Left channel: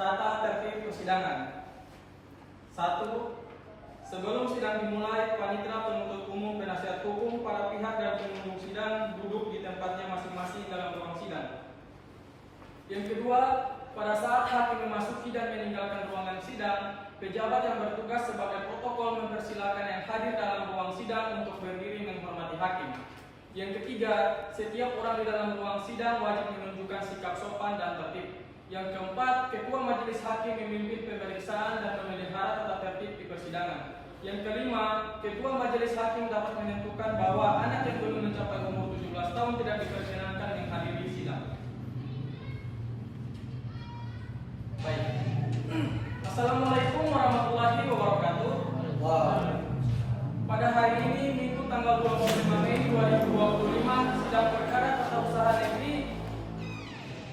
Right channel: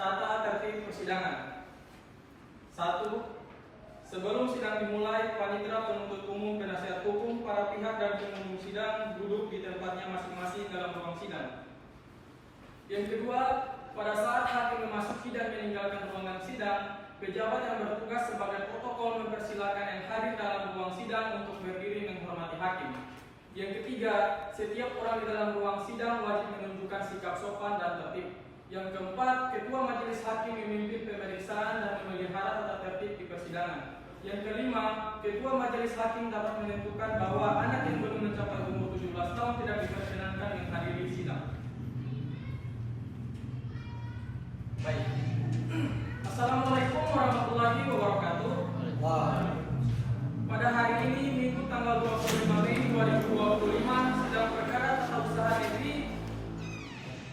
Tata tertib persidangan. 1. Sebelum sidang dimulai, panitera penuntut umum, penasihat hukum, para pihak dan pengunjung sidang duduk di tempatnya masing-masing dalam ruang sidang. Yang kedua, pada saat hakim memasuki dan meninggalkan ruangan sidang, pejabat yang bertugas sebagai protokol mempersilakan yang hadir dalam ruang sidang untuk berdiri menghormati hakim. Yang ketiga, setiap orang di dalam ruang sidang wajib menunjukkan sikap sopan dan tertib. Yang keempat, ketua majelis hakim memimpin pemeriksaan dan memelihara tata tertib di persidangan. Yang kelima, ketua majelis hakim dapat menentukan bahwa anak yang belum mencapai umur 17 tahun tidak diperkenankan menghadiri sidang. Baik. Assalamualaikum warahmatullahi wabarakatuh. Pada hari ini, Minggu tanggal 25 Mei 2025, sidang perkara tata usaha negeri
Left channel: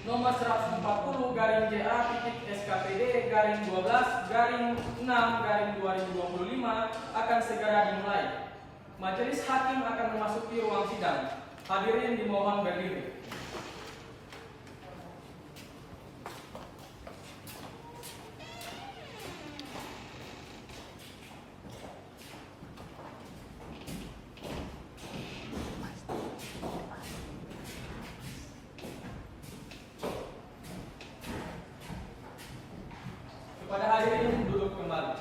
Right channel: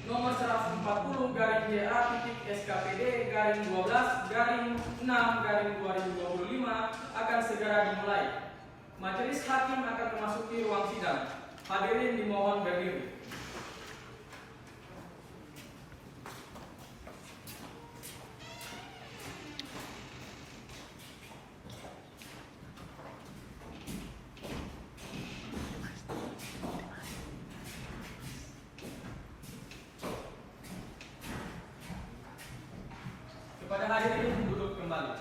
nomor 140/JA/SKPD/12/6/2025 akan segera dimulai. Majelis hakim akan memasuki ruang sidang. Hadirin dimohon berdiri. Kepada hadirin duduk kembali.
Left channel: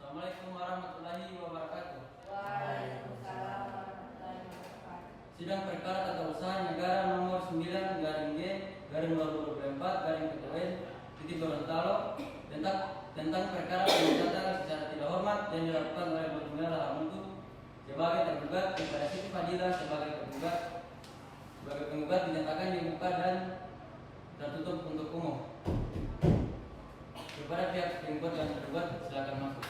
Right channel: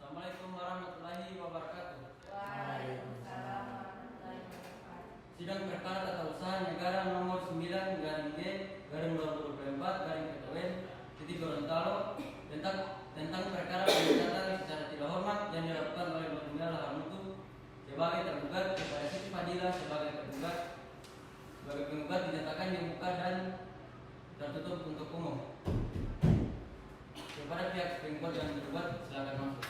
Assalamualaikum warahmatullahi wabarakatuh. Waalaikumsalam warahmatullahi wabarakatuh. Sidang perkara tata usaha negara nomor 9/G/2024/PTN tentang perkara pemecatan secara tidak hormat yang dilakukan oleh Nurmila Lahamutu sebagai tergugat kepada Siti Fadila sebagai penggugat dinyatakan dibuka dan tertutup untuk umum. Kepada pihak penggugat dan tergugat silakan masuk.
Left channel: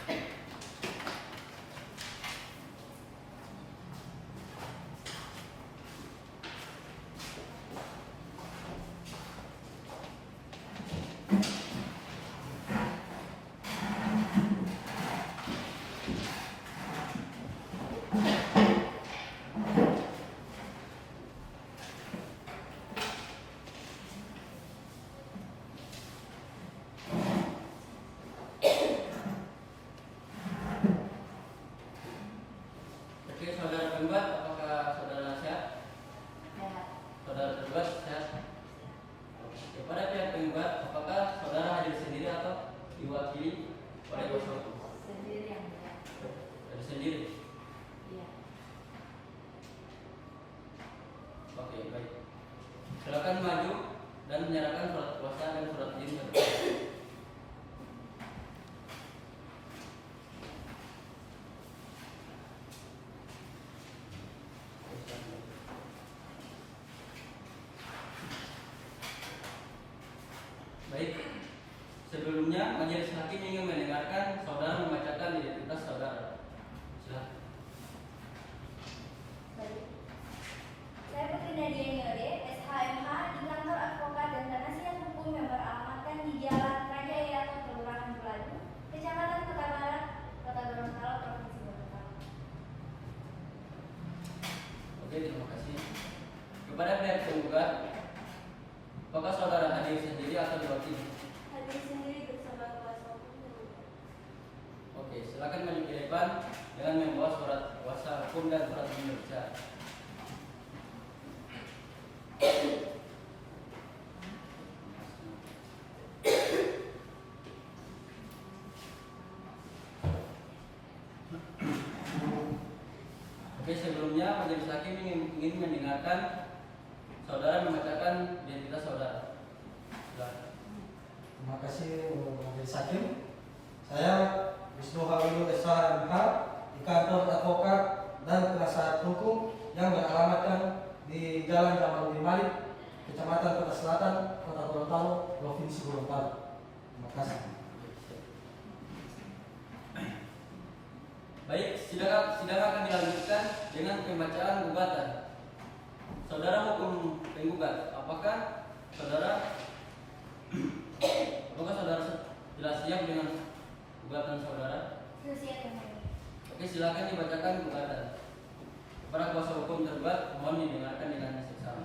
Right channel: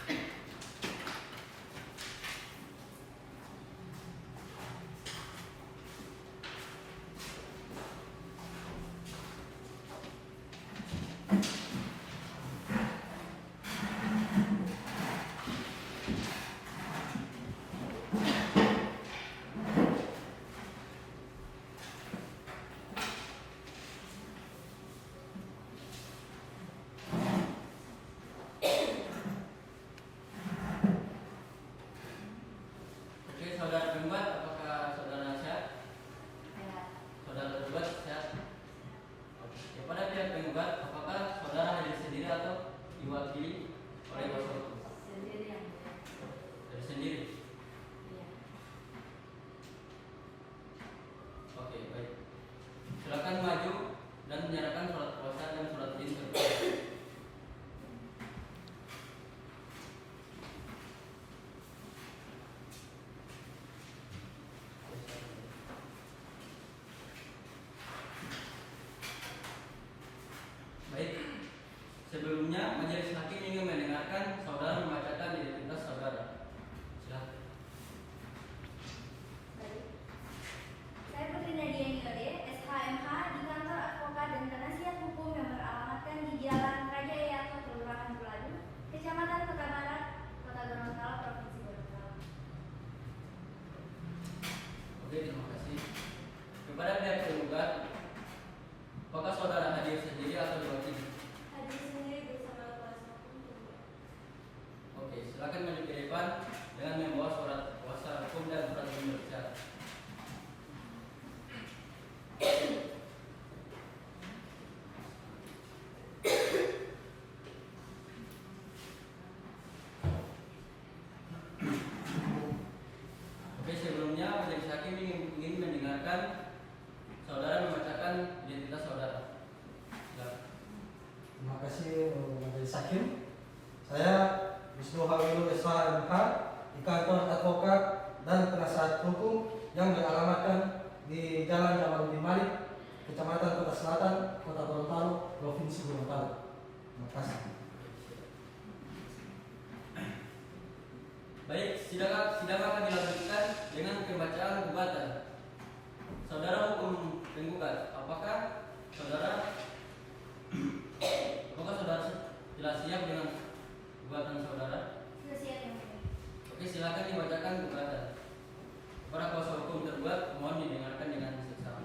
Oke, saudara penggugat, apakah saudara sehat? Saudara tergugat sehat? Oke. Kepada pihak penggugat, apakah saudara hadir sendiri atau diwakili oleh kuasa hukum? Sendiri yang mulia. Hadir sendiri. Iya. Oke, baik. Silakan maju dan menyerahkan surat kuasa dan surat izin tergugat. Baik, sebelumnya majelis hakim ingin mendengarkan saudara membacakan identitas saudara. Silakan. Baik. Saya Putri Nadia Niode, SHMH di kantor advokat dan penasihat hukum yang beralamatkan di Jalan Raja Eyang, Kelurahan Buladu, Kecamatan Kota Barat, Kota Gorontalo, Provinsi Gorontalo. Oke, terima kasih. Kepada pihak penggugat, apakah saudara hadir sendiri atau diwakili? Hadir sendiri bersama kuasa hukum. Oke, silakan maju ke depan dengan membawa surat kuasa hukum dan surat pemeriksaan. Oke, sebelumnya majelis hakim ingin mendengarkan saudara membacakan identitas saudara. Silakan. Terima kasih majelis hakim. Saya Wisnu Hawilur SHMH di kantor advokat dan penasihat hukum yang beralamatkan di Jalan Jamaludin Malik, Kecamatan Kota Selatan, Kota Gorontalo, Provinsi Gorontalo. Terima kasih. Baik, sidang akan dilanjutkan dengan pembacaan gugatan. Saudara hukum penggugat, apakah saudara sudah siap dengan gugatan saudara? Sudah siap yang mulia. Oke, silakan dibacakan gugatan. Para kuasa hukum tergugat mohon didengarkan dengan seksama.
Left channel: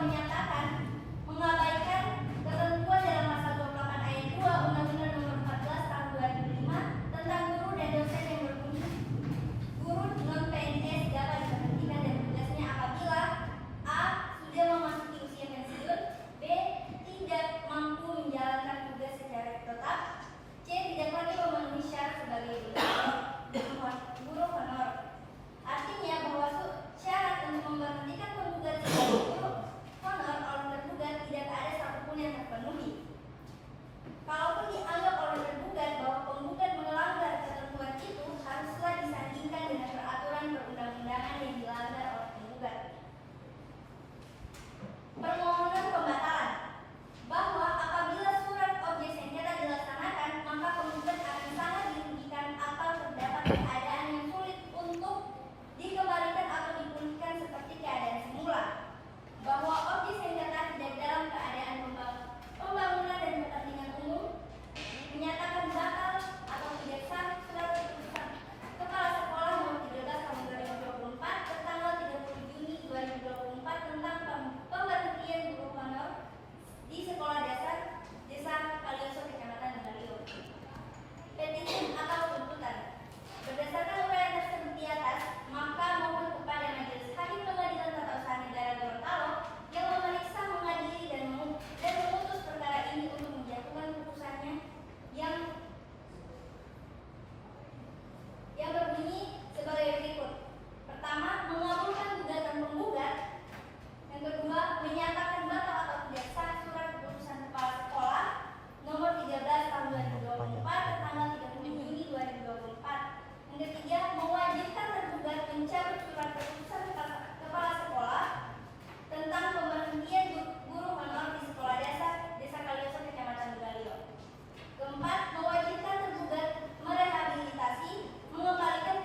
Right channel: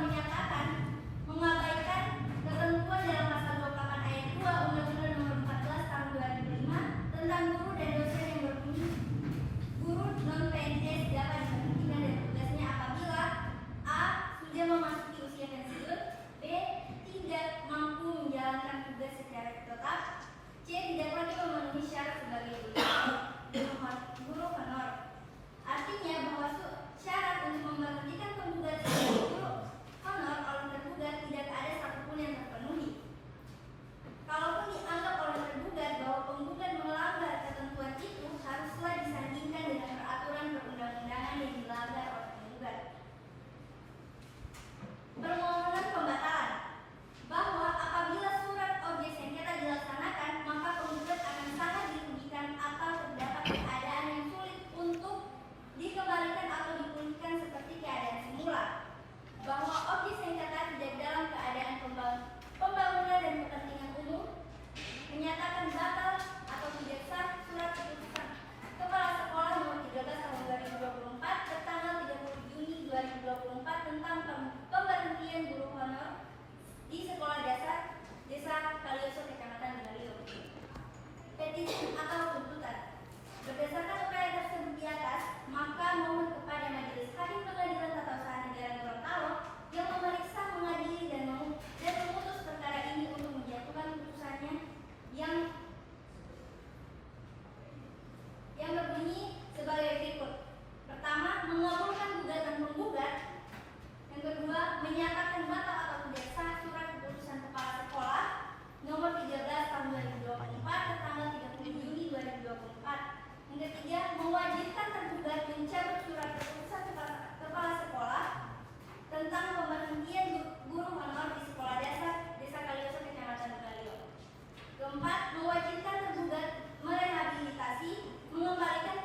menyatakan mengabaikan ketentuan dalam pasal 28 ayat 2 Undang-Undang Nomor 14 Tahun 2005 tentang guru dan dosen yang berbunyi guru non PNS dapat diberhentikan dari tugasnya apabila A. sudah memasuki usia pensiun, B. tidak mampu menjalankan tugas secara tetap, C. tidak lagi memenuhi syarat sebagai guru honor. Artinya bahwa syarat untuk memberhentikan penggugat sebagai guru honor oleh tergugat tidak ada satupun yang terpenuhi. Kalaupun dianggap oleh tergugat bahwa penggugat melanggar ketentuan itu, haruslah disandingkan dengan peraturan perundang-undangan yang dilanggar oleh penggugat. Permohonan pembatalan bahwa apabila surat objek sengketa dilaksanakan, maka penggugat akan sangat dirugikan atau terdapat keadaan yang sulit untuk dikembalikan atau dipulihkan seperti keadaan semula. Bahwa objek sengketa tidak dalam keadaan pembangunan dan kepentingan umum, menyatakan batal atau tidak sah surat keputusan Kepala Sekolah Nomor 13 Tahun 2024 tertanggal 30 Juni 2024 tentang pemberhentian guru honor di Sekolah Dasar Desa Kalioso, Kecamatan Galio. Petisi atau tuntutan. Berdasarkan uraian tersebut di atas, maka mohon kepada Majelis Hakim Pengadilan Tata Usaha Negara Gorontalo yang memeriksa, mengadili dan memutus perkara ini untuk menjatuhkan putusannya yang berbunyi sebagai berikut. Pertama, mengabulkan gugatan penggugat. Yang kedua, menyatakan batal atau tidak sah surat keputusan Kepala Sekolah Nomor 13 Tahun 2024 tertanggal 30 Juni 2024. Yang ketiga, mewajibkan tergugat mencabut surat keputusan Kepala Sekolah tentang pemberhentian guru honor di Sekolah Dasar Desa Kalioso, Kecamatan Galio. Keempat, mewajibkan tergugat merehabilitasi, mengembalikan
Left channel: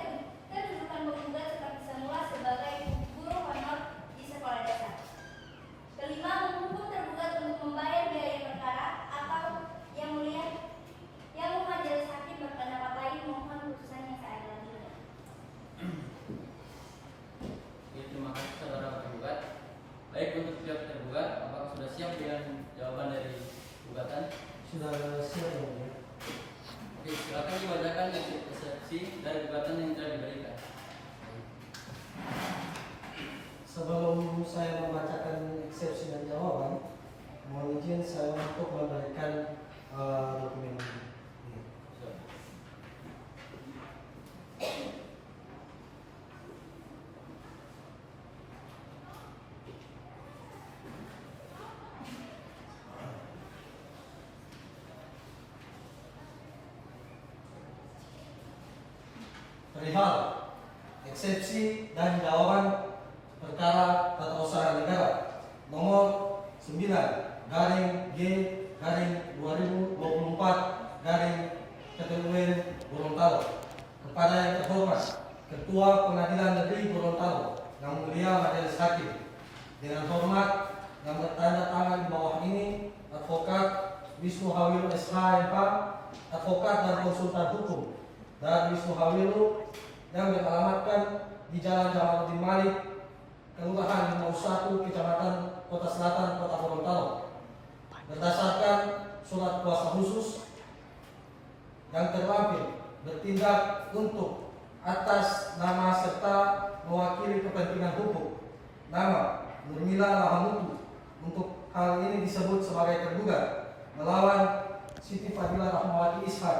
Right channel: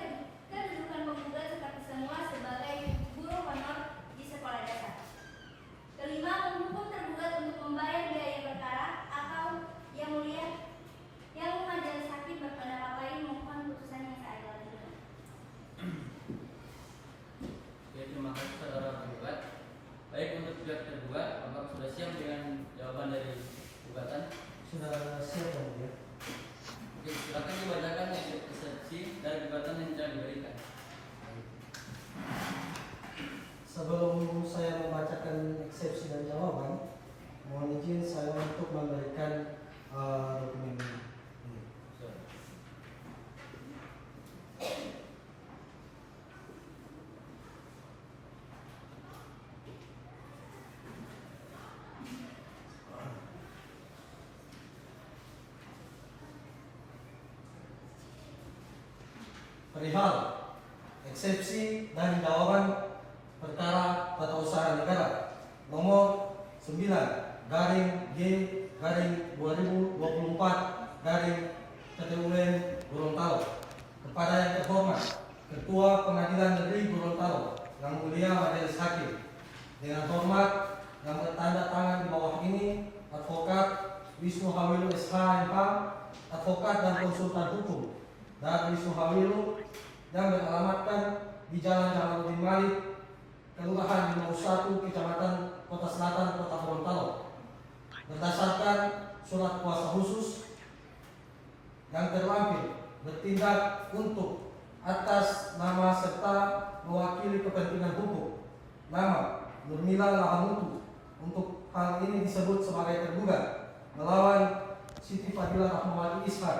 kedudukan penggugat seperti semula sebagai guru honor di sekolah dasar. Kelima, menghukum tergugat untuk membayar biaya perkara atau yang mulia yang majelis hakim berpendapat lain mohon putusan yang seadil-adilnya. Oke, terima kasih saudara penggugat. Baik, untuk pihak tergugat, apakah sudah siap dengan jawaban dari gugatan? Sudah siap ya, Mulia. Oke, silakan dibacakan eksepsi dari gugatan yang telah diberikan. Sebelum saya membacakan eksepsi dan jawaban, mohon izin saya untuk memberikan dokumen ini. So, Perihal eksepsi dan jawaban perkara tata usaha negara nomor 9 garing G garing 2024 garing Ketua Gorontalo. Kepada yang terhormat Ketua Pengadilan Negeri Gorontalo yang mulia Majelis Hakim, dengan hormat yang bertanda tangan di bawah ini Advokat Wisnu Hawilu SH.M.H, advokat dan konsultan hukum, dan Wisnu Hawilu yang beralamatkan di Jalan Jalaluddin Malik, Kelurahan 51, Kecamatan Kota Selatan, Kota Gorontalo. Berdasarkan surat kuasa khusus yang terlampir bertindak untuk atas nama serta mewakili kepentingan hukum nama Nurmila Lahamutu untuk hal ini disebut sebagai tergugat melawan Siti Fadilah Rahmawati Ishak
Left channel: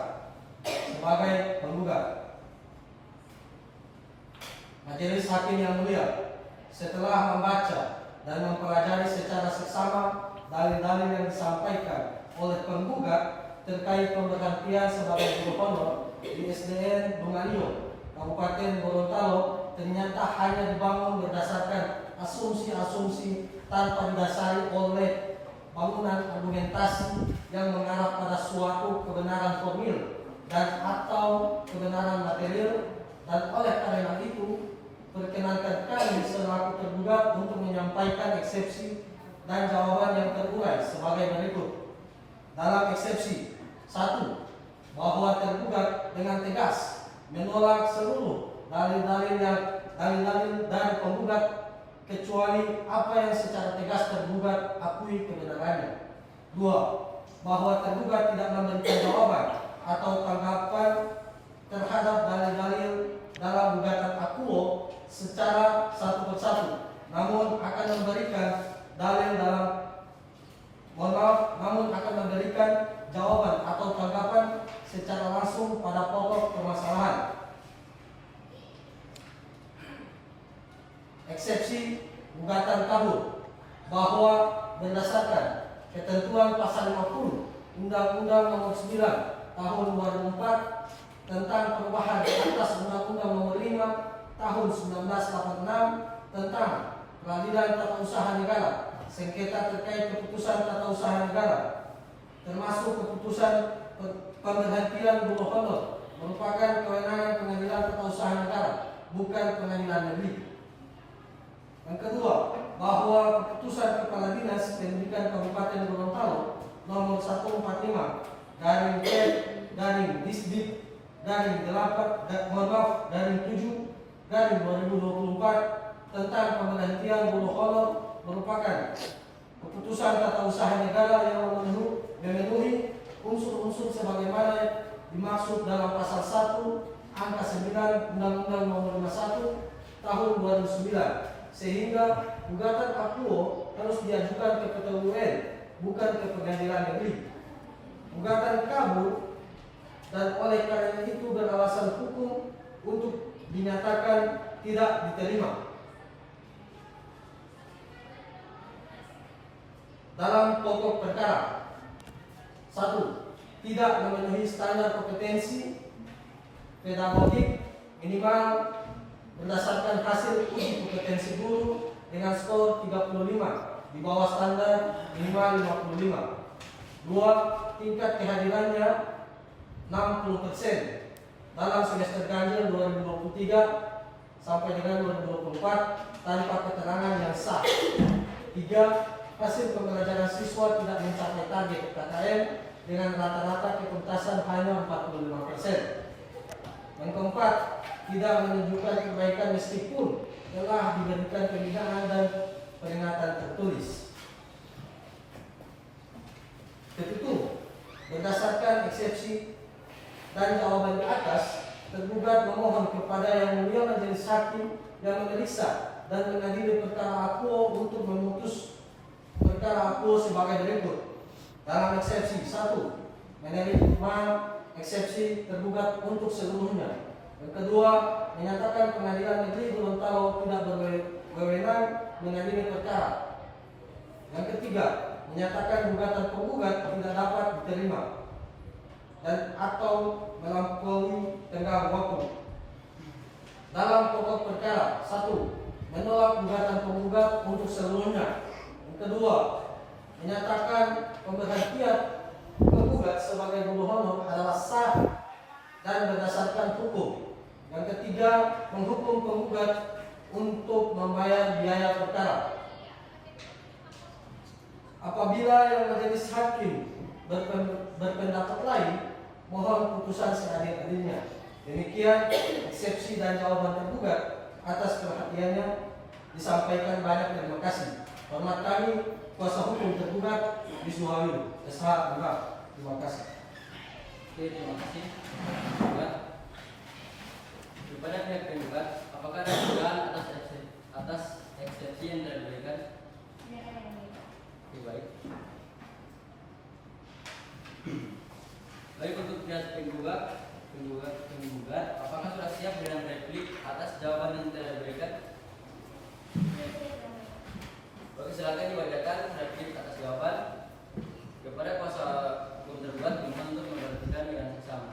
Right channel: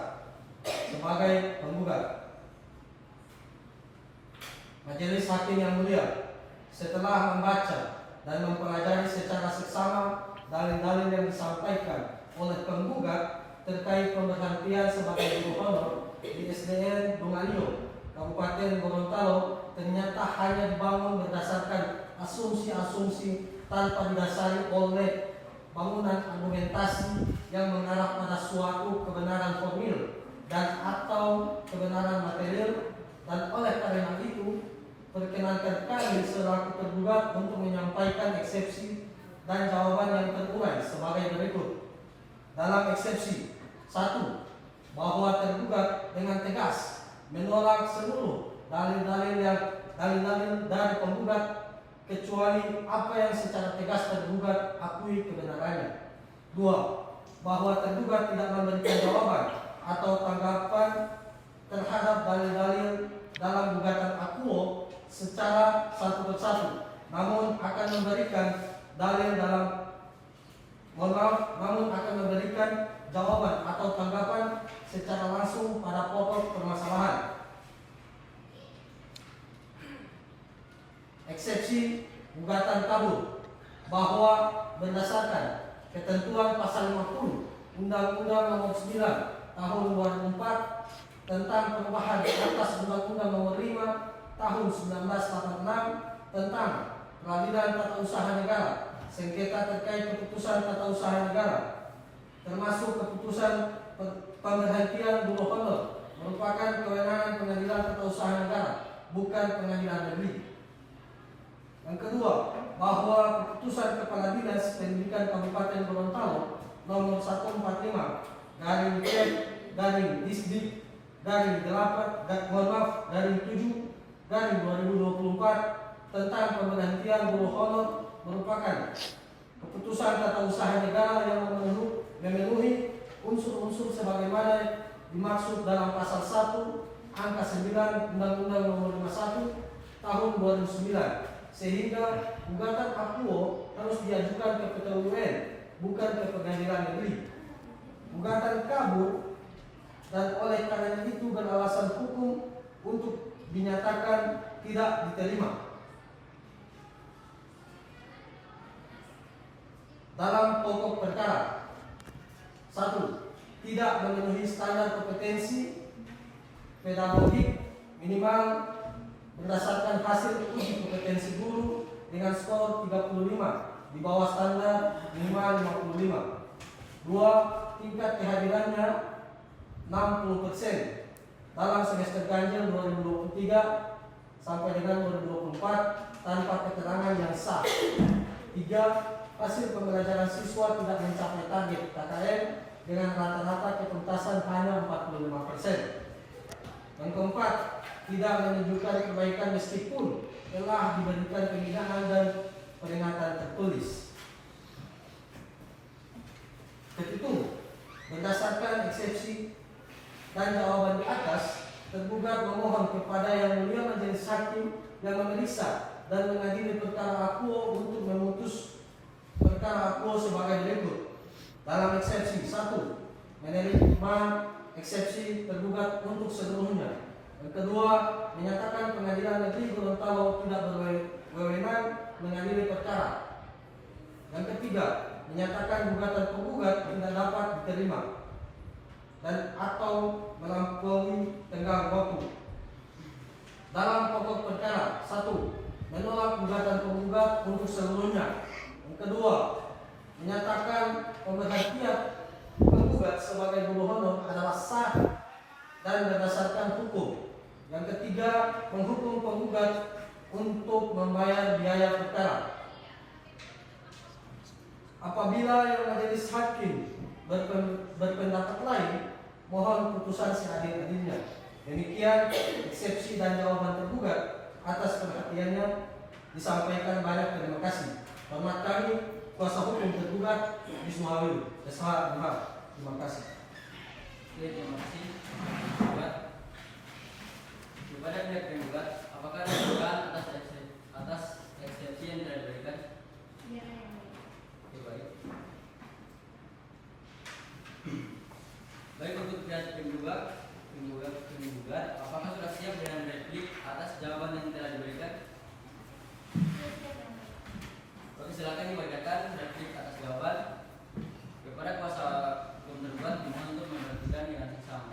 sebagai penggugat. Majelis Hakim yang mulia, setelah membaca dan mempelajari secara seksama dalil-dalil yang disampaikan oleh penggugat terkait pemberhentian sebagai guru honor di SDN Dongalio, Kabupaten Gorontalo, ternyata hanya dibangun berdasarkan asumsi-asumsi tanpa didasari oleh bangunan argumentasi yang mengarah pada suatu kebenaran formil dan atau kebenaran material, dan oleh karena itu perkenankan kami selaku tergugat untuk menyampaikan eksepsi dan jawaban yang terurai sebagai berikut. Dalam eksepsi 1, bahwa tergugat dengan tegas menolak seluruh dalil-dalil dari penggugat kecuali apa yang secara tegas tergugat akui kebenarannya. 2. Bahwa tergugat tidak memberikan jawaban atau tanggapan terhadap dalil-dalil dalam gugatan akuo secara satu persatu, namun akan memberikan jawaban atau tanggapan secara langsung pada pokok permasalahan. Eksepsi gugatan kabur, bahwa berdasarkan ketentuan pasal 50 Undang-Undang Nomor 9 Tahun 2004 tentang perubahan atas Undang-Undang Nomor 5 Tahun 1986 tentang peradilan tata usaha negara, sengketa terkait keputusan tata usaha negara, termasuk keputusan pemberhentian buruh honor, merupakan kewenangan pengadilan tata usaha negara, bukan pengadilan negeri. Yang kedua, bahwa keputusan Kepala Dinas Pendidikan Kabupaten Gorontalo nomor 145 garing Disdik garing 7 garing 2024 tentang pemberhentian buruh honor merupakan keputusan tata usaha negara yang memenuhi unsur-unsur sebagaimana dimaksud dalam pasal 1 angka 9 Undang-Undang Nomor 51 Tahun 2009, sehingga gugatan akuo harus diajukan ke PT UN, bukan ke pengadilan negeri. Gugatan kabur dan oleh karena itu beralasan hukum untuk dinyatakan tidak diterima. Dalam pokok perkara, 1. Tidak memenuhi standar kompetensi pedagogik minimal berdasarkan hasil uji kompetensi guru dengan skor 35 di bawah standar minimal 55. 2. Tingkat kehadirannya 60% dalam semester ganjil 2023 sampai dengan 2024 tanpa keterangan yang sah. 3. Hasil pembelajaran siswa tidak mencapai target KKM dengan rata-rata ketuntasan hanya 45%. Yang keempat, tidak menunjukkan kebaikan meskipun telah diberikan pembinaan dan peringatan tertulis. Ketiga, berdasarkan eksepsi dan jawaban di atas, tergugat memohon kepada Yang Mulia Majelis Hakim yang memeriksa dan mengadili perkara akuo untuk memutus perkara akuo sebagai berikut. Dalam eksepsi 1, menerima eksepsi tergugat untuk seluruhnya. Yang kedua, menyatakan Pengadilan Negeri Gorontalo tidak berwenang mengadili perkara. Yang ketiga, menyatakan gugatan penggugat tidak dapat diterima dan atau melampaui tenggang waktu. Dalam pokok perkara, 1. Menolak gugatan penggugat untuk seluruhnya. Yang kedua, menyatakan pemberhentian penggugat sebagai buruh honor adalah sah dan berdasarkan hukum. Yang ketiga, menghukum penggugat untuk membayar biaya perkara. Apabila Yang Majelis Hakim berpendapat lain, mohon putusan seadil-adilnya. Demikian eksepsi dan jawaban tergugat. Atas perhatiannya disampaikan banyak terima kasih. Hormat kami, kuasa hukum tergugat Wisnu Hawilu, SH. Terima kasih. Oke, terima kasih. Tergugat. Kepada pihak tergugat, apakah ada dugaan atas eksepsi yang telah diberikan? Oke, baik. Baik, untuk pihak penggugat, apakah sudah siap dengan replik atas jawaban yang telah diberikan? Oke, silakan dibacakan replik atas jawaban. Kepada kuasa hukum tergugat dimohon untuk memberhentikan dengan seksama.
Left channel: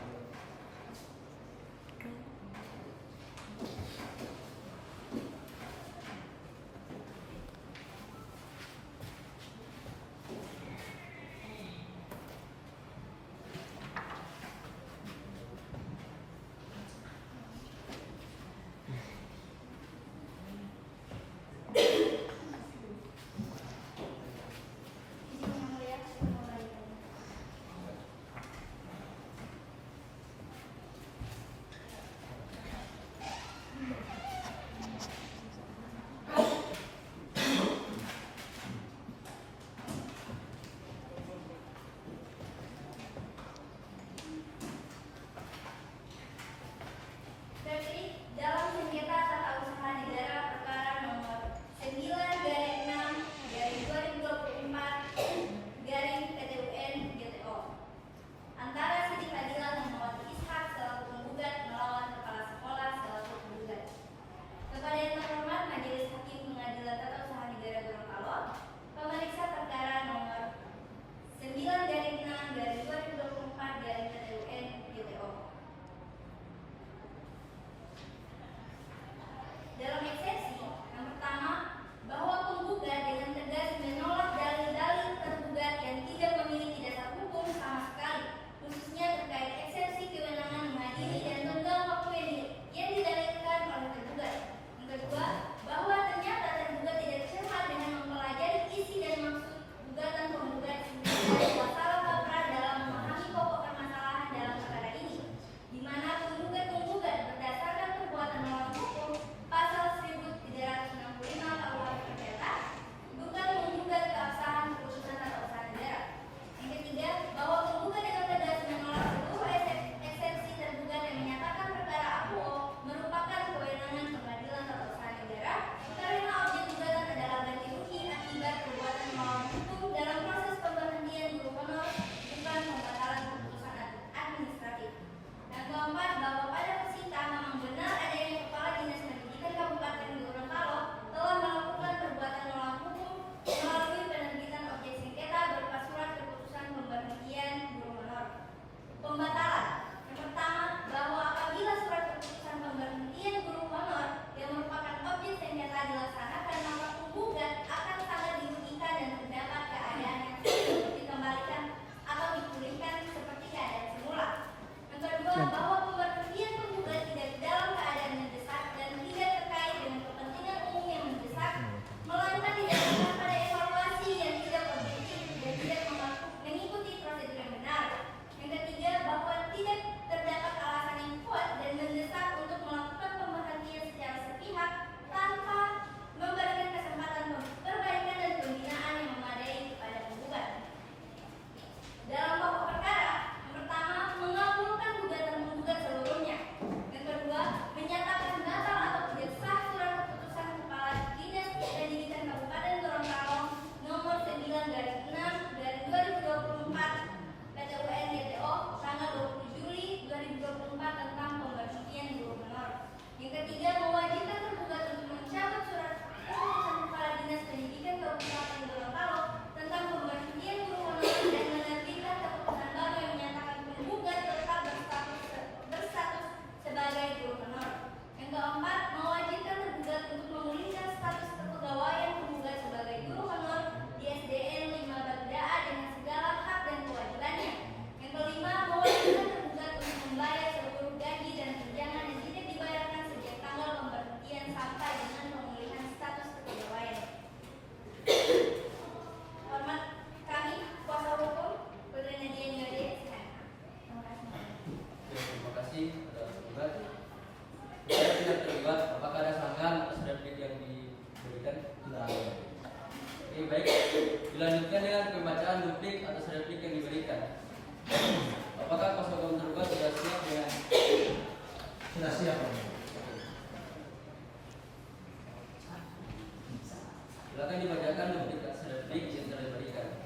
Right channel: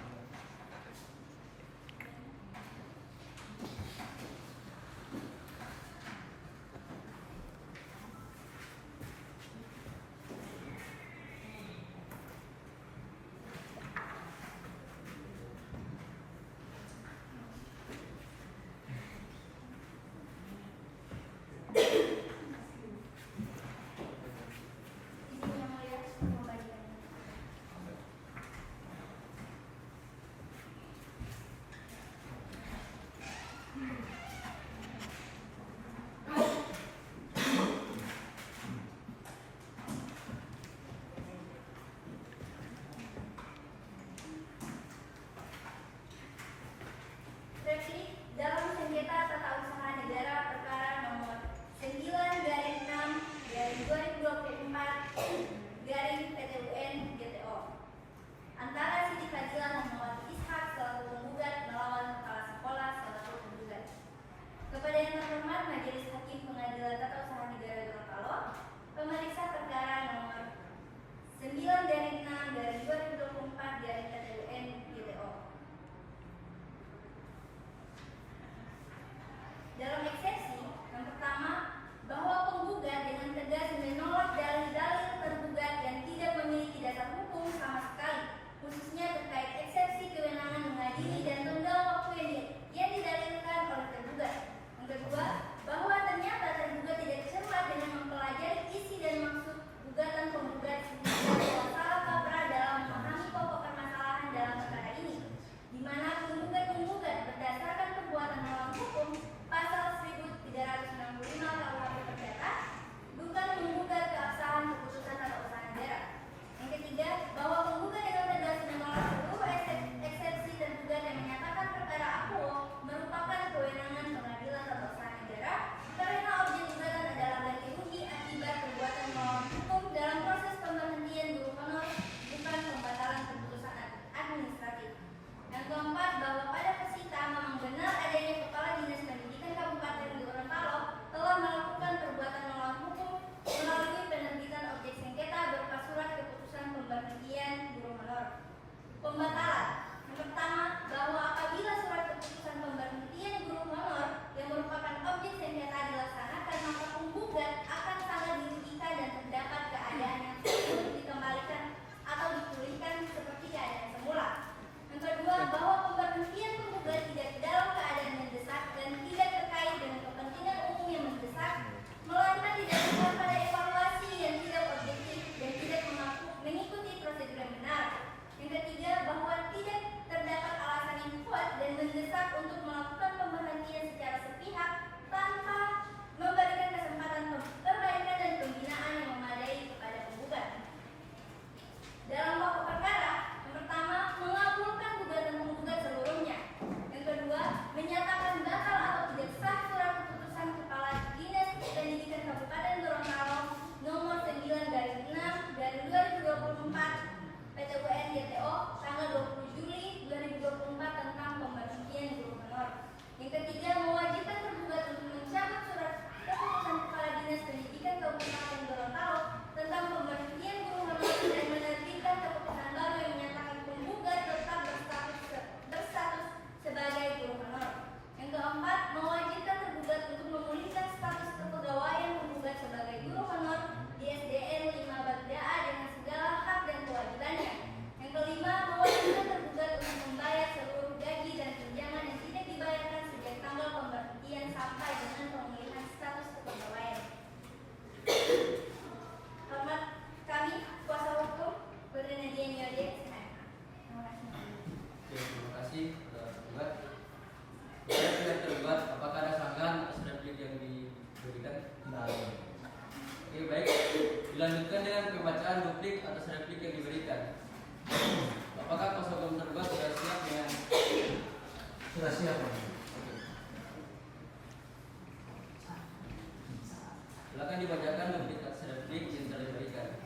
Silakan dibacakan duplikat sertifikat yang telah diberikan.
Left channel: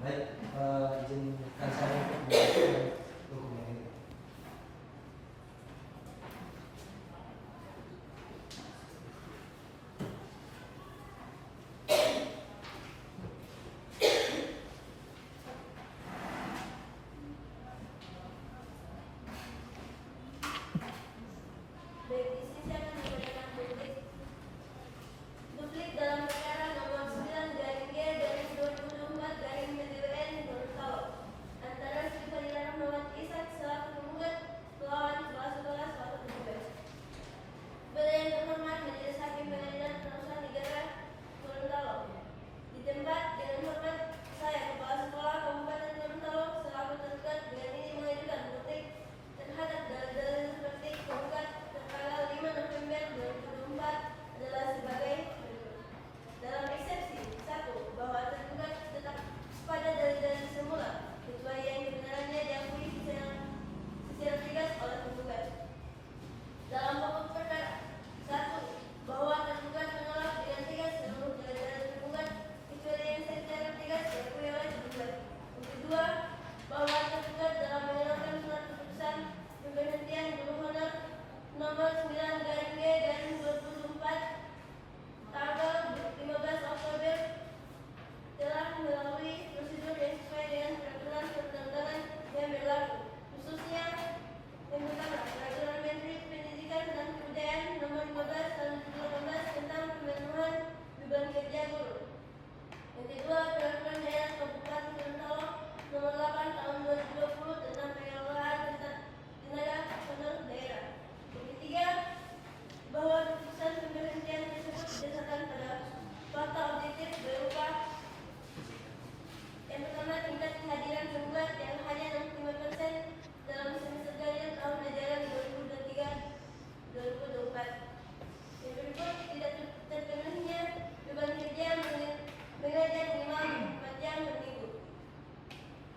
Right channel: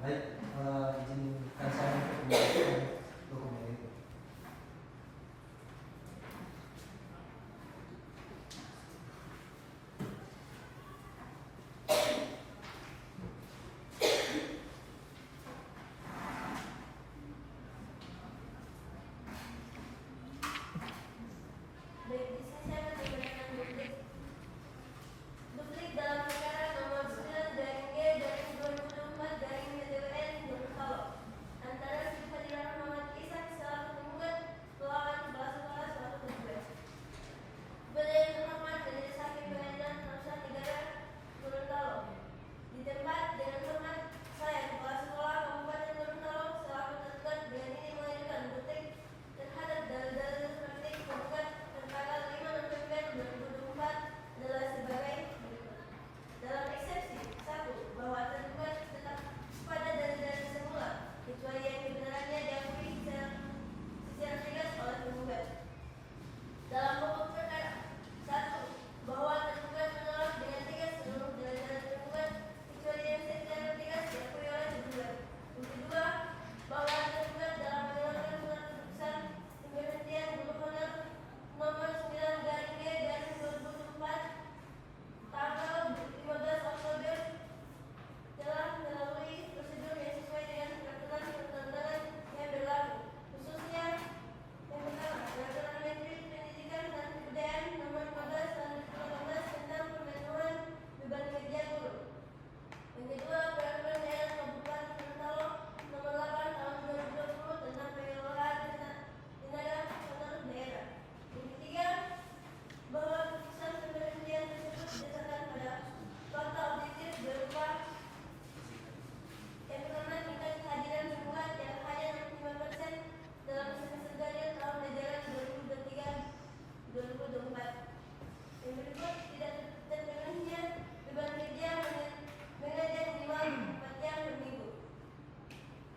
Baik, izinkan saya untuk membacakan dokumen ini. Baik, di sini saya akan membacakan duplik dalam perkara nomor 9 garing G garing 2024 garing PTWN Gorontalo antara Siti Fadila Muhammad Ishak selaku penggugat melawan kepala sekolah selaku penggugat. Kepada yang terhormat Majelis Hakim Pengadilan Tata Negara Gorontalo, di tempat dengan hormat saya kepala sekolah Kabupaten Gorontalo selaku tergugat dengan ini mengajukan duplik terhadap dalil-dalil seperti penggugat tertanggal 5 November 2024 adalah sebagai berikut. Dalam eksepsi 1. Bahwa tergugat tetap pada dalil-dalil semula kecuali yang kebenarannya diakui secara tegas oleh penggugat. Dalam pokok perkara 1. Bahwa tergugat menolak dengan tegas seluruh dalil-dalil penggugat kecuali yang secara tegas diakui oleh penggugat. Yang kedua, bahwa tergugat dalam mengeluarkan surat keputusan pemberhentian guru honor nomor 9 garing G garing 2024 tanggal 15 Oktober telah melalui prosedur yang sesuai dengan peraturan perundang-undangan yang berlaku, khususnya yang pertama peraturan Menteri Pendidikan dan Kebudayaan nomor 15 tahun 2018 tentang pemenuhan beban kerja guru. Yang kedua peraturan daerah Kabupaten Gorontalo nomor 8 tahun 2020 tentang pengelolaan tenaga personal daerah. Yang ketiga, bahwa keputusan pemberhentian tersebut berdasarkan pada fakta objektif berupa yang pertama tingkat kehadiran penggugat yang hanya 65% dalam semester ganjil tahun ajaran 2023-2024. Yang berikut tidak terpenuhinya beban kerja mengajar minimal 4 jam per minggu.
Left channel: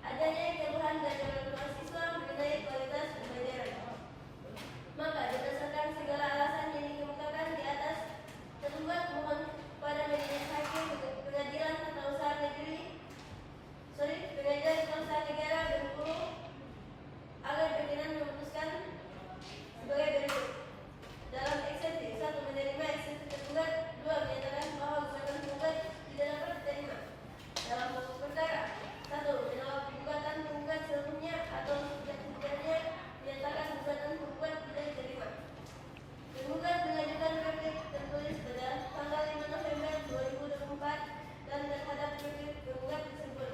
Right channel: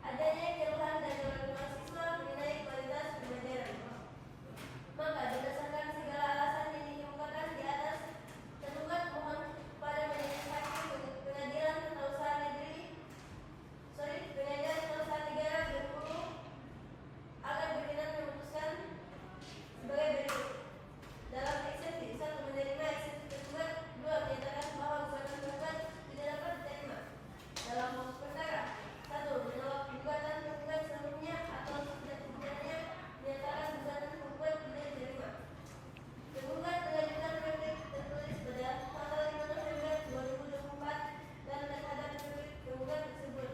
Adanya keluhan dari orang tua siswa mengenai kualitas pembelajaran. Maka berdasarkan segala alasan yang dikemukakan di atas, tergugat mohon pada Majelis Hakim Pengadilan Tata Usaha Negara Bengkulu agar berkenan memutuskan sebagai berikut. Dalam eksepsi 1. Menerima eksepsi tergugat. 2. Menyatakan bahwa gugatan tergugat tidak dapat diterima. Dalam pokok perkara 1. Menolak gugatan tergugat seluruhnya atau setidak-tidaknya menyatakan gugatan tergugat tidak diterima. Tergugat mengajukan replik tertulis pada tanggal 5 November 2024 dan terhadap replik tergugat tersebut.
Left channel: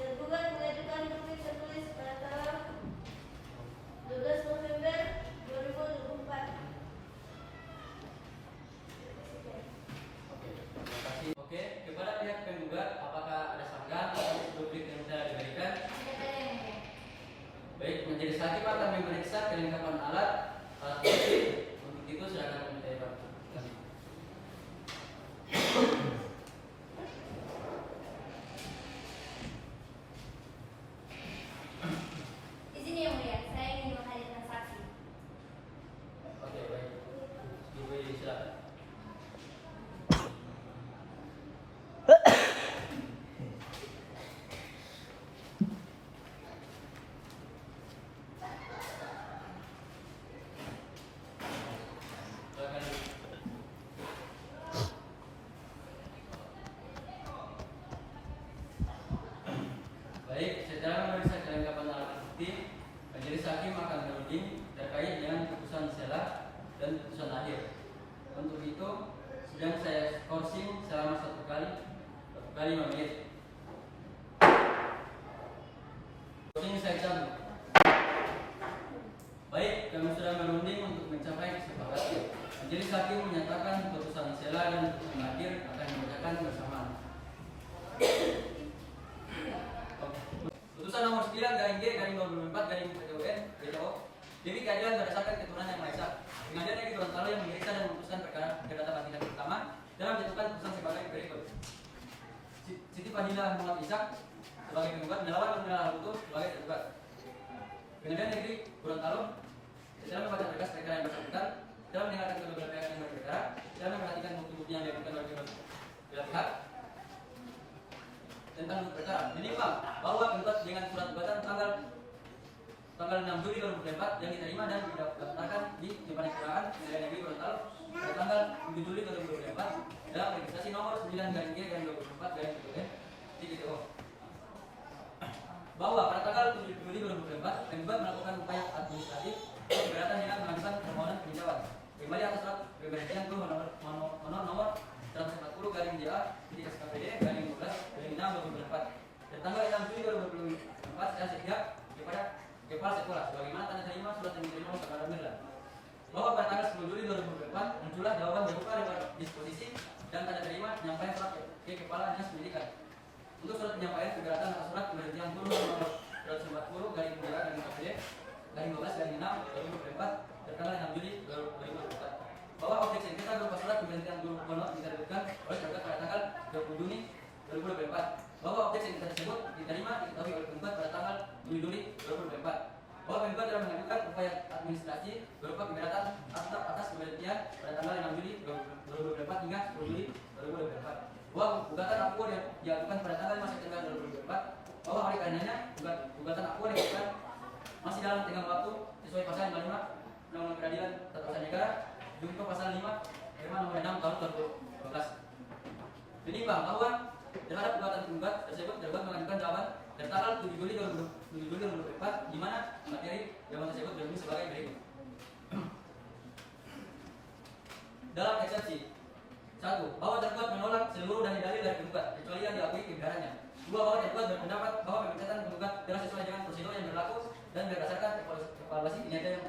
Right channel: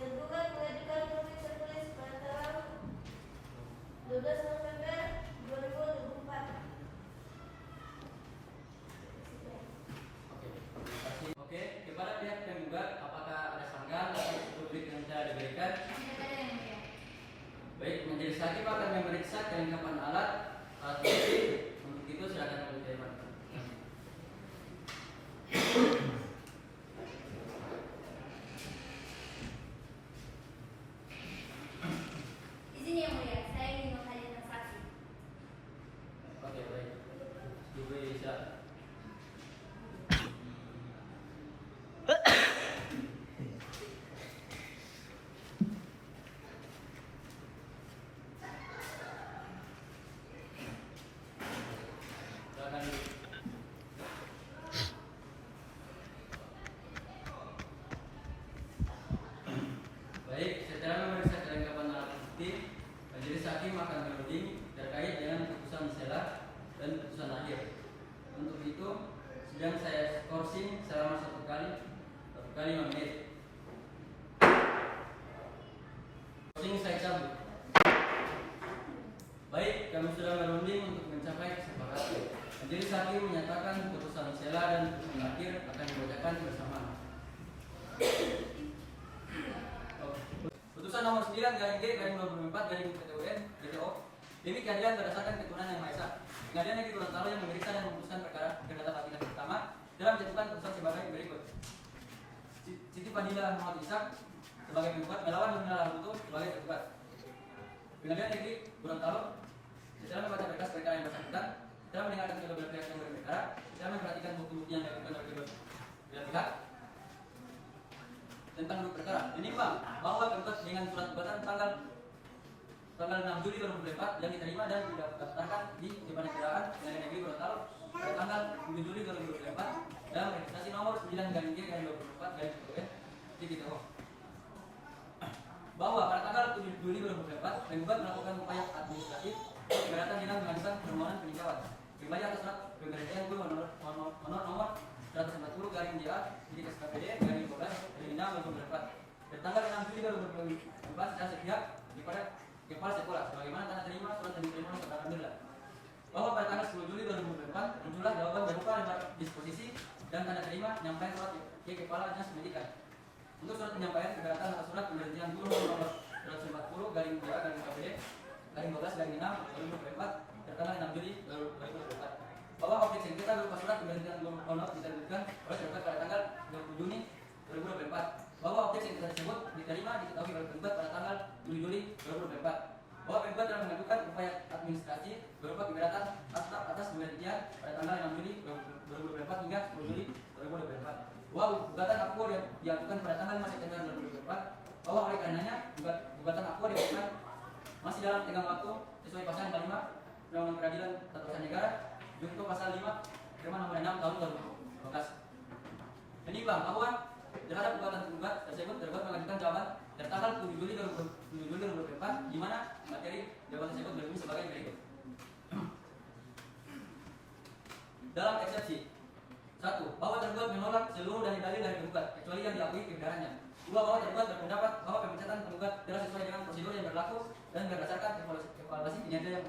Tergugat mengajukan replik tertulis pada tanggal 12 November 2024. Oke, kepada pihak penggugat, apakah ada sanggahan atas duplik yang telah diberikan? Tidak ada yang mulia. Baik, Majelis Hakim akan memeriksa kelengkapan alat bukti. Untuk itu silakan kami terima. Izin yang mulia, saya ingin menghadirkan saksi. Oke, baik. Duplik silakan. Silakan. Baik, setelah memeriksa kelengkapan alat bukti, Majelis Hakim akan menuding terkait dengan putusan sela dan putusan akhir. Untuk itu, sidang saya skorsing selama 1 kali 5 menit. Skorsing saya cabut. Baik, kami sudah merunding untuk mencapai kesepakatan. Majelis Hakim menyatakan putusan sela dan putusan akhir akan dibacakan bersamaan. Putusan nomor 9 garing G garing 2024 garing PTWN DJO demi keadilan berdasarkan keturunan yang Maha Esa. Pengadilan Negeri Gorontalo yang memeriksa dan memutuskan perkara perdata panggilan pertama dalam menjatuhkan putusan sebagai berikut. Siti Fadila Muhammad Ishak sebagai penggugat melawan Nurmila Lahutu sebagai tergugat. Pengadilan Negeri Gorontalo setelah membaca berkas perkara yang bersangkutan, telah mendengarkan kedua belah pihak yang berperkara, telah memperhatikan bukti-bukti yang didapatkan oleh penuntut. 2024 yang diterima dan didaftarkan di Kepanitiaan Pengadilan Negeri Gorontalo pada tanggal 7 Juli 2024 dalam registrasi nomor 9-G-2024-TGTO. Bahwa pada tanggal 7 Juli 2024 penggugat melakukan upaya administratif keberatan dengan mengajukan permohonan peninjauan kembali atas surat pergantian nomor 140-DA/SKPD/12/6/2024 tanggal 6 Juli 2024 secara sepihak kepada kepala sekolah sebagaimana tanda terima surat yang diterima oleh Alhamdulillah. Bahwa pada tanggal 10 Juli 2024 muncullah jawaban berupa disposisi dan tanda terima penyampaian surat ke kepala dinas pendidikan untuk surat penyampaian keberatan atas surat pemberhentian guru nomor 140-DA/KPD/12/6/2024 tertanggal 6 Juli 2024. Bahwa objek sengketa berupa surat pemberhentian guru honor diterbitkan oleh tergugat pada tanggal 20 Juni 2024. Bahwa objek sengketa tersebut diterima diketahui oleh penggugat pada tanggal 7 Juli 2024. Bahwa penggugat telah mengajukan upaya administrasi berupa keberatan atas pemberhentian pada tanggal 6 Juli 2024 hingga 10 Juli 2024. Bahwa gugatan akuo diajukan pada tanggal 5 September 2024. Bahwa oleh karenanya gugatan akuo diajukan masih dalam tenggang waktu sesuai pasal 55 Undang-Undang Peradilan Tata Usaha Negara Junto pasal 5 Firman nomor 6 tahun 2012. Menimbang bahwa terhadap gugatan penggugat tersebut tergugat mengajukan jawaban tertanggal 7 Juli 2024 di mana materi jawaban tersebut berbunyi sebagai berikut. Dalam eksepsi 1. Bahwa tergugat menolak seluruh dalil-dalil dari penggugat kecuali yang diakui kebenarannya. 2. Bahwa tergugat berpendapat bahwa pemecatan penggugat telah sesuai dengan prosedur yang berlaku dan berdasarkan evaluasi kinerja yang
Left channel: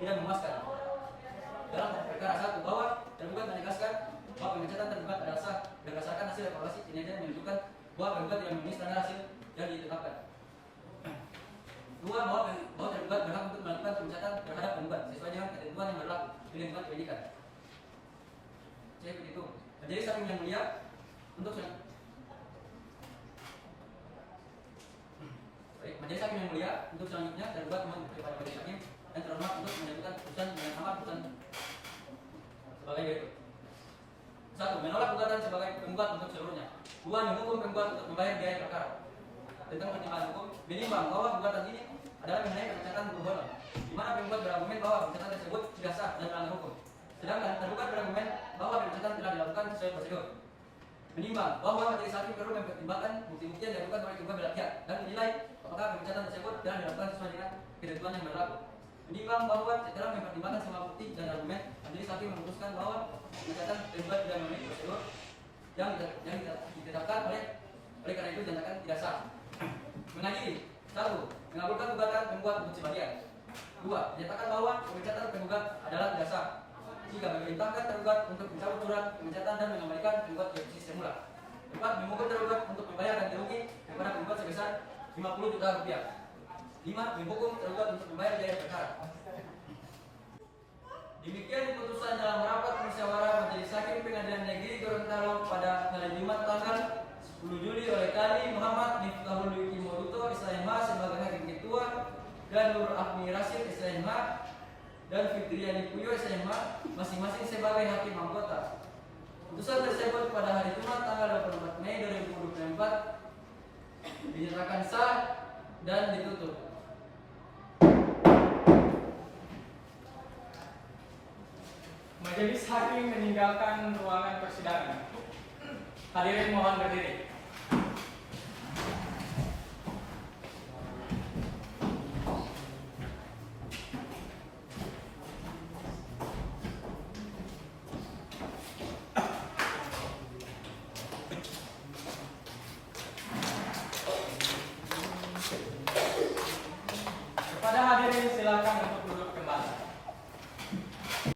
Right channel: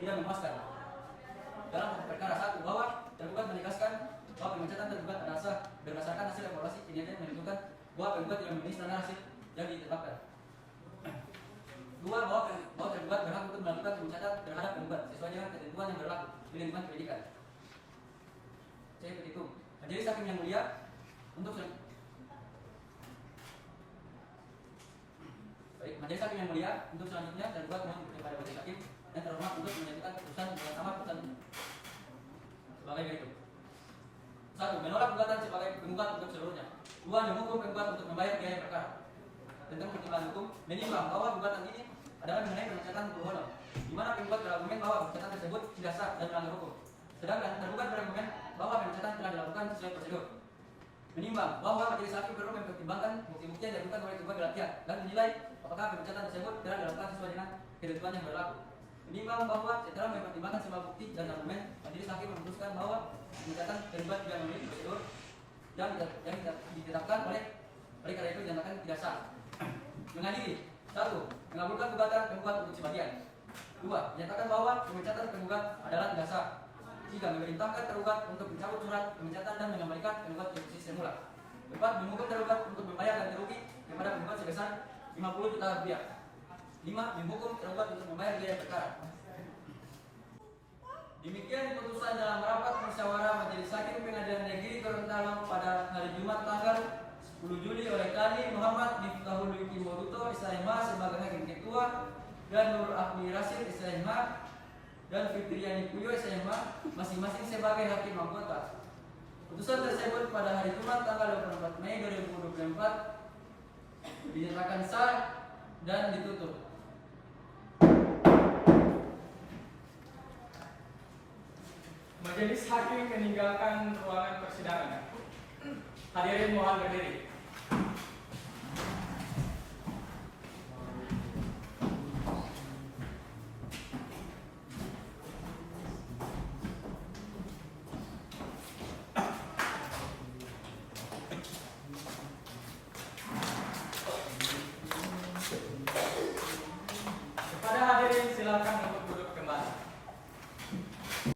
tidak memuaskan. Dalam perkara 1. Bahwa tergugat menegaskan bahwa pemecatan tergugat adalah sah berdasarkan hasil evaluasi kinerja yang menunjukkan bahwa penggugat tidak memenuhi standar hasil yang ditetapkan. 2. Bahwa tergugat berhak untuk melakukan pemecatan terhadap penggugat sesuai dengan ketentuan yang berlaku di lingkungan pendidikan. Saya begitu. Jadi saking yang mulia untuk majelis hakim yang mulia untuk selanjutnya tergugat mohon kepada majelis hakim dan terhormat untuk menentukan putusan dengan sama putusan sebagai berikut. 1. Menolak gugatan sebagai penggugat untuk seluruhnya. 2. Menghukum penggugat untuk membayar biaya perkara. Tentang pertimbangan hukum, menimbang bahwa gugatan ini adalah mengenai pemecatan guru honor, di mana penggugat berargumen bahwa pemecatan tersebut tidak sah dan melanggar hukum. Sedangkan tergugat berargumen bahwa pemecatan telah dilakukan sesuai prosedur. Menimbang bahwa majelis hakim perlu mempertimbangkan bukti-bukti yang diajukan oleh kedua belah pihak dan menilai apakah pemecatan tersebut telah dilakukan sesuai dengan ketentuan yang berlaku. Menimbang bahwa setelah mempertimbangkan semua bukti dan argumen, majelis hakim memutuskan bahwa pemecatan tergugat tidak memenuhi prosedur yang ditetapkan oleh karena itu dinyatakan tidak sah. Mengadili 1. Mengabulkan gugatan penggugat untuk sebagian. 2. Menyatakan bahwa pemecatan penggugat adalah tidak sah. 3. Memerintahkan tergugat untuk mencabut surat pemecatan dan mengembalikan penggugat ke posisi semula. 4. Menghukum tergugat untuk membayar ganti rugi kepada penggugat sebesar 50 juta rupiah. 5. Menghukum tergugat untuk membayar biaya perkara. Demikian keputusan dalam rapat musyawarah Majelis Hakim Pengadilan Negeri Gorontalo pada hari Jumat tanggal 10 Juli oleh kami Muhammad Miftahul Yuki Moduto SIMH sebagai Hakim Ketua dan Nur Ahmi Rasid SIMH dan Fitriani Puyo SIMH masing-masing sebagai Hakim Anggota. Putusan tersebut pada hari Jumat tanggal 24 Mei 2024 dinyatakan sah dan ditutup. Majelis hakim meninggalkan ruangan persidangan. Hadirin mohon berdiri. Kepada hadirin silakan untuk